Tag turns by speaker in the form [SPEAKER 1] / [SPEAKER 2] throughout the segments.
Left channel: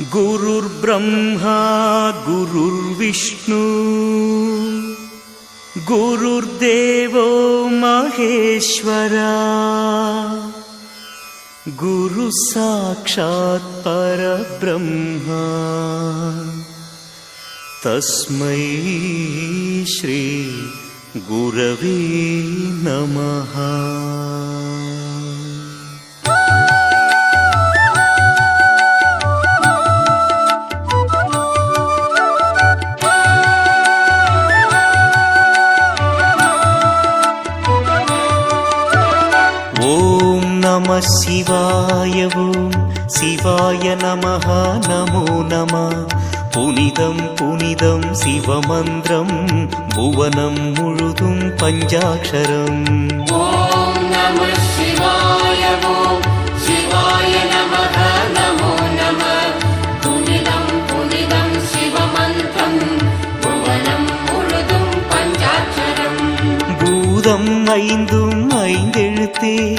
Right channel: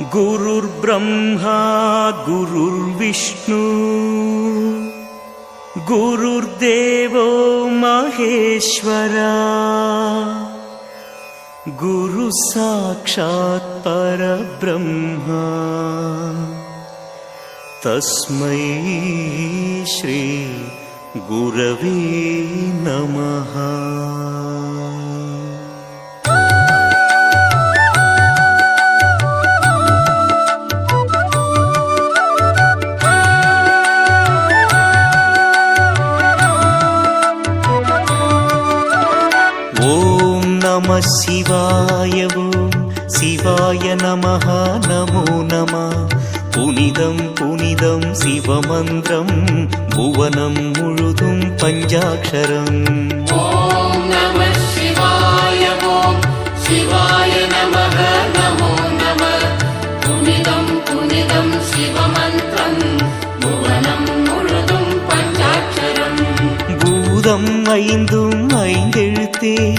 [SPEAKER 1] गुरुर्ब्रह्मा गुरुर्विष्णु गुरुर्देवो महेश्वरा। गुरुः साक्षात् परब्रह्मा। तस्मै श्री गुरवे नमः சிவாயவும் சிவாய நமக நமோ நம. புனிதம் புனிதம் சிவமந்திரம் புவனம் முழுதும் பஞ்சாட்சரம். பூதம் ஐந்தும் ஐந்தெழுத்தே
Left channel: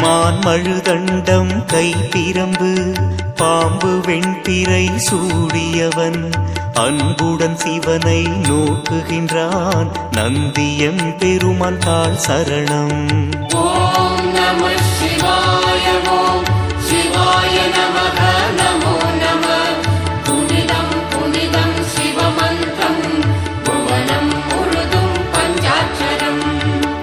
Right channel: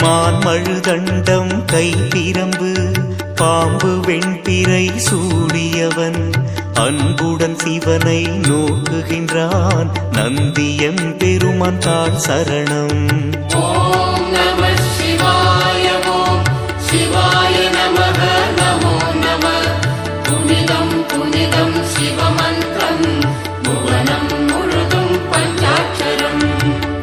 [SPEAKER 1] மான்மழுதண்டம் கைப்பிரம்பு பாம்பு வெண்பிறை சூடியவன். அன்புடன் சிவனை நோக்குகின்றான் நந்தியம் பெருமான் தாழ் சரணம்.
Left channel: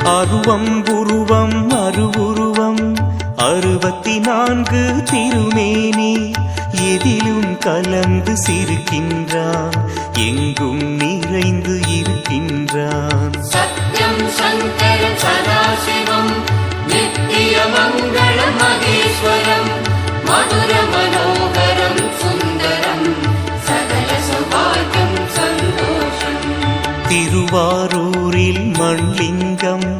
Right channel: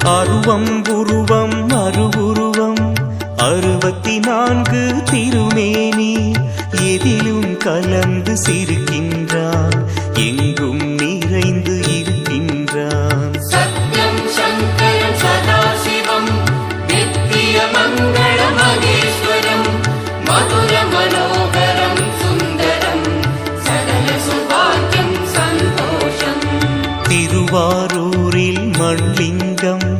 [SPEAKER 1] அருவம் உருவம் அருவுருவம் அறுபத்தி நான்கு திருமேனி. எதிலும் கலந்து சிரிக்கின்றான் எங்கும் நிறைந்து இருக்கின்றான்.
[SPEAKER 2] மதுர மனோகரம் சுந்தரம் சகல சுபாகியம் சந்தோஷம்.
[SPEAKER 1] திருவாரூரில் மண்லிங்கம்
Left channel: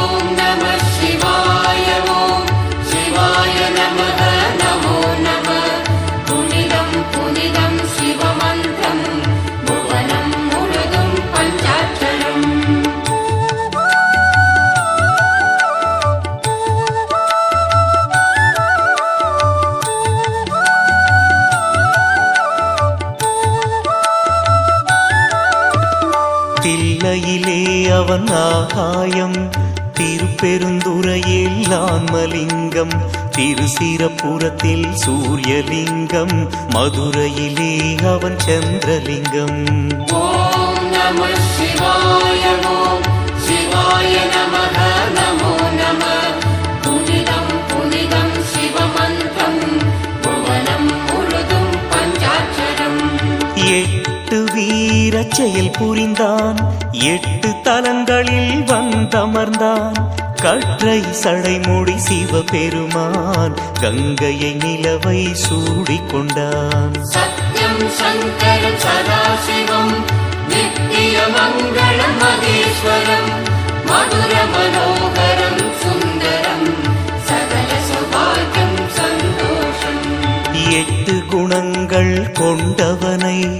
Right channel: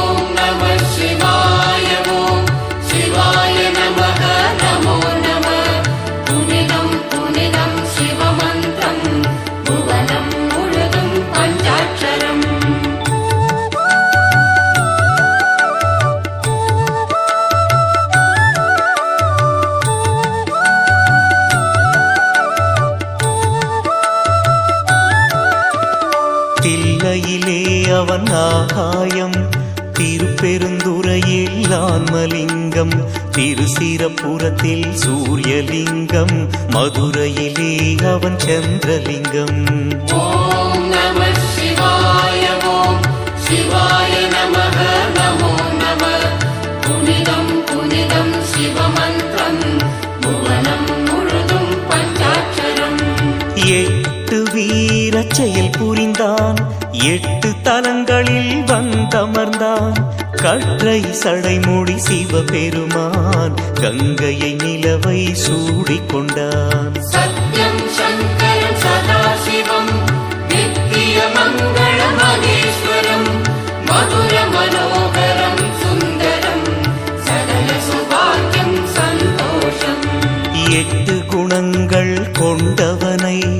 [SPEAKER 1] தில்லையிலே அவன் ஆகாயம். திருப்பெருந்துறையில் ஆன்மலிங்கம். திருசிரப்புறத்தில் சூரியலிங்கம். மதுரையிலே அவன் சந்திரலிங்கம். இறச்செயல் புரிந்தான். எட்டு தலங்களில் வந்தமர்ந்தான். கற்றை சடைமூடி சிவபெருமான் கங்கையை நிலவை
[SPEAKER 2] சூடிக்கொண்டான் சத்யம்
[SPEAKER 1] எட்டு குணங்கள் கொண்டவனை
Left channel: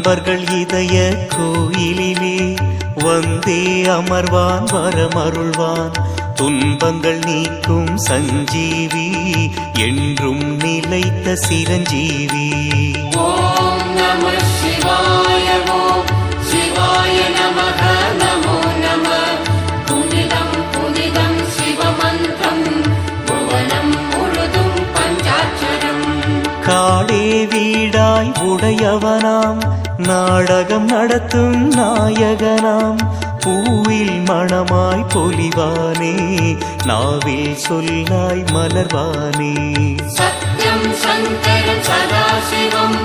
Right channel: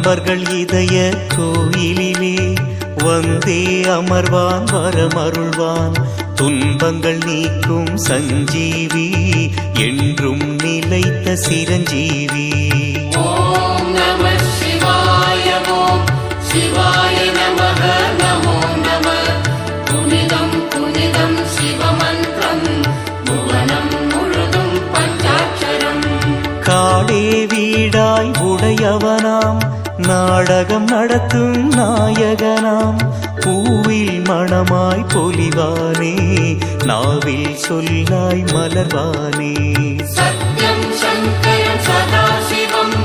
[SPEAKER 1] அன்பர்கள் இதய கோயிலிலே வந்தே அமர்வான் வரமருள்வான். துன்பங்கள் நீக்கும் சஞ்சீவி என்றும் நிலைத்த சிரஞ்சீவி. காடே வீடாய் உடையவனாம் நாடகம் நடத்தும் நாயகனாம். பூவில் மணமாய் பொலிவானே நாவில் சொல்லாய் மலர்வானே.
[SPEAKER 2] சத்யம் சங்கரம் சதாசிவம்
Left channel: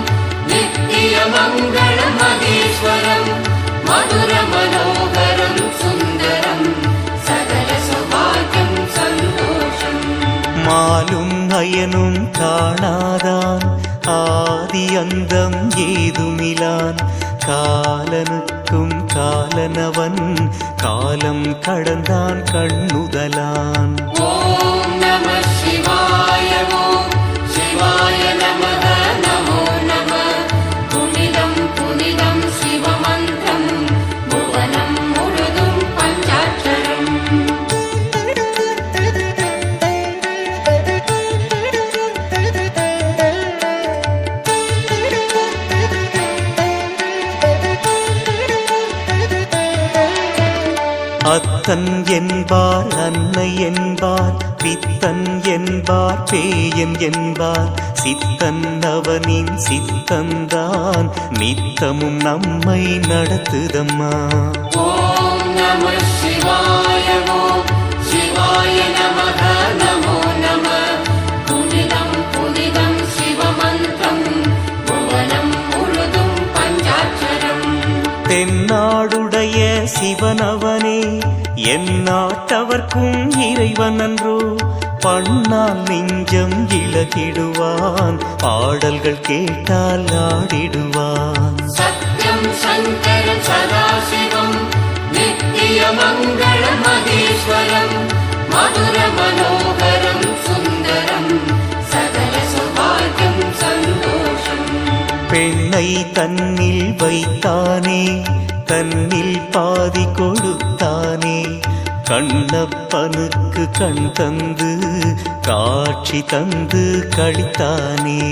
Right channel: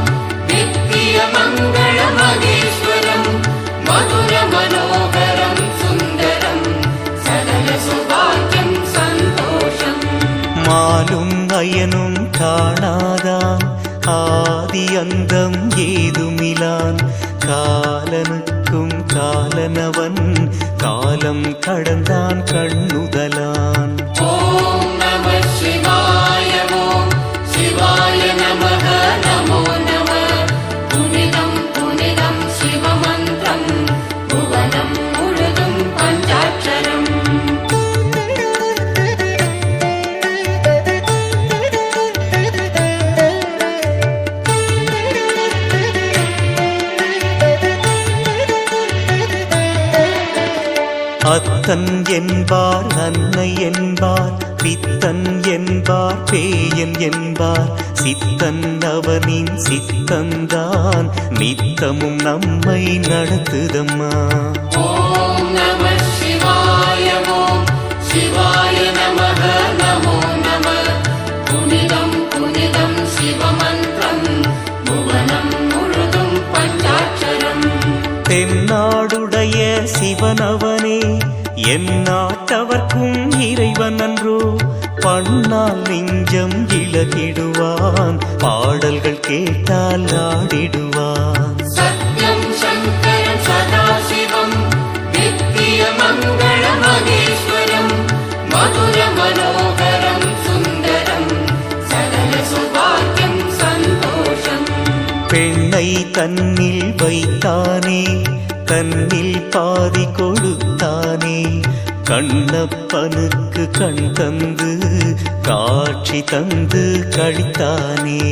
[SPEAKER 2] நித்திய மங்கள மகேஸ்வரம் மதுர மனோகரம் சுந்தரம் சகல சுபாகியம் சந்தோஷம்.
[SPEAKER 1] மாலும் அயனும் காணாதான் ஆதி அந்தம் ஏதுமிலான். காலனுக்கும் காலனவன் காலம் கடந்தான் கண்ணுதலான்.
[SPEAKER 2] ஓம் நம சிவாய
[SPEAKER 1] வித்தன் என்பார் அன்னை என்பார் வித்தன் என்பார் பேயன் என்பார். சித்தன் அவனின் சித்தந்தான் நித்தமும் நம்மை நடத்துதம்மா. தென்னாடுடைய சிவனவனே என் நாட்டவர்க்கும் இறைவன் அன்றோ பண்ணால் நெஞ்சம் இழகிடுவான் பாடல்கள் கேட்டால் ஆடிடுவான்.
[SPEAKER 2] மதுர மனோகரம் சுந்தரம் சகல சுபாகம் சந்தோஷம்.
[SPEAKER 1] பெண்ணை தன்னில் வைத்தானே தன்னில் பாதி கொடுத்தானே. கண்ணப்பனுக்கு கண் தந்து காட்சி தந்து கழித்தானே.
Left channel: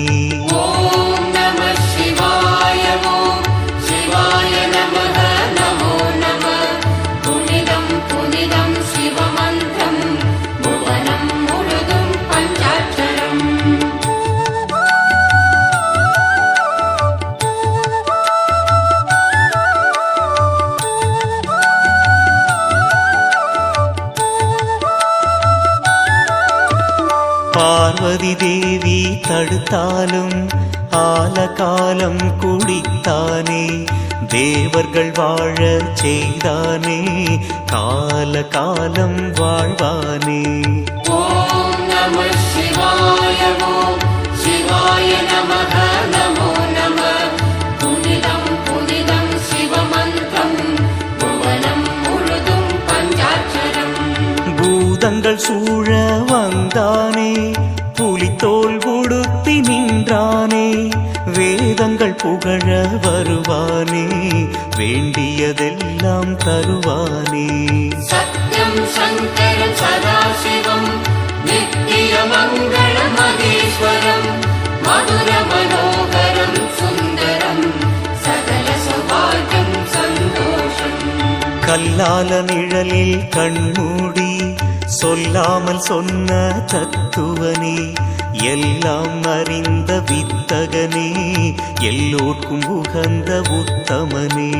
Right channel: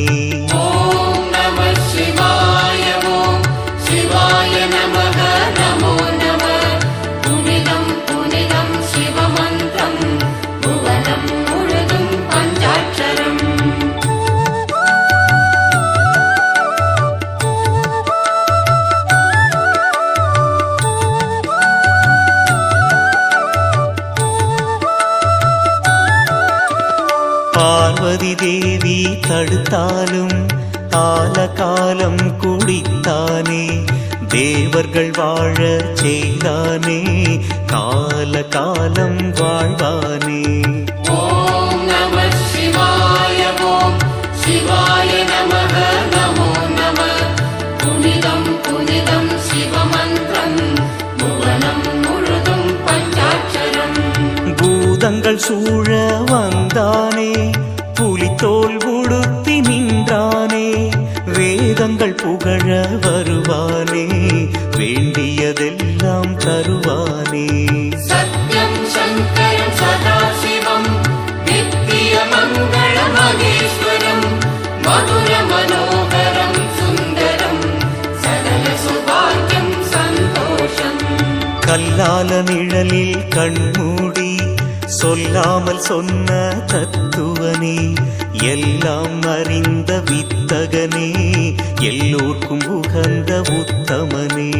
[SPEAKER 1] பார்வதி தேவி தடுத்தாலும் ஆலகாலம் குடித்தானே தேவர்கள் வாழ செய்தானே கால காலம் வாழ்வானே
[SPEAKER 2] சிவாய நம நமோ நம. புனிதம் புனிதம் சிவம
[SPEAKER 1] யுத்தங்கள் சூழ வந்தானே புலித்தோல் உடுத்தி நின்றானே வேதங்கள் புகழ வருவானே வேண்டியதெல்லாம் தருவானே.
[SPEAKER 2] சத்யம் சங்கரம் சதாசிவம் நித்திய மங்கள மகேஸ்வரம் மதுர மனோகரம் சுந்தரம் சகல சுபாகியம் சந்தோஷம்.
[SPEAKER 1] கல்லால நிழலில் கண்மூடி சொல்லாமல் சொன்ன தத்துவனே எல்லாம் அறிந்த வித்தகனே எல்லோர்க்கும் உகந்த உத்தமனே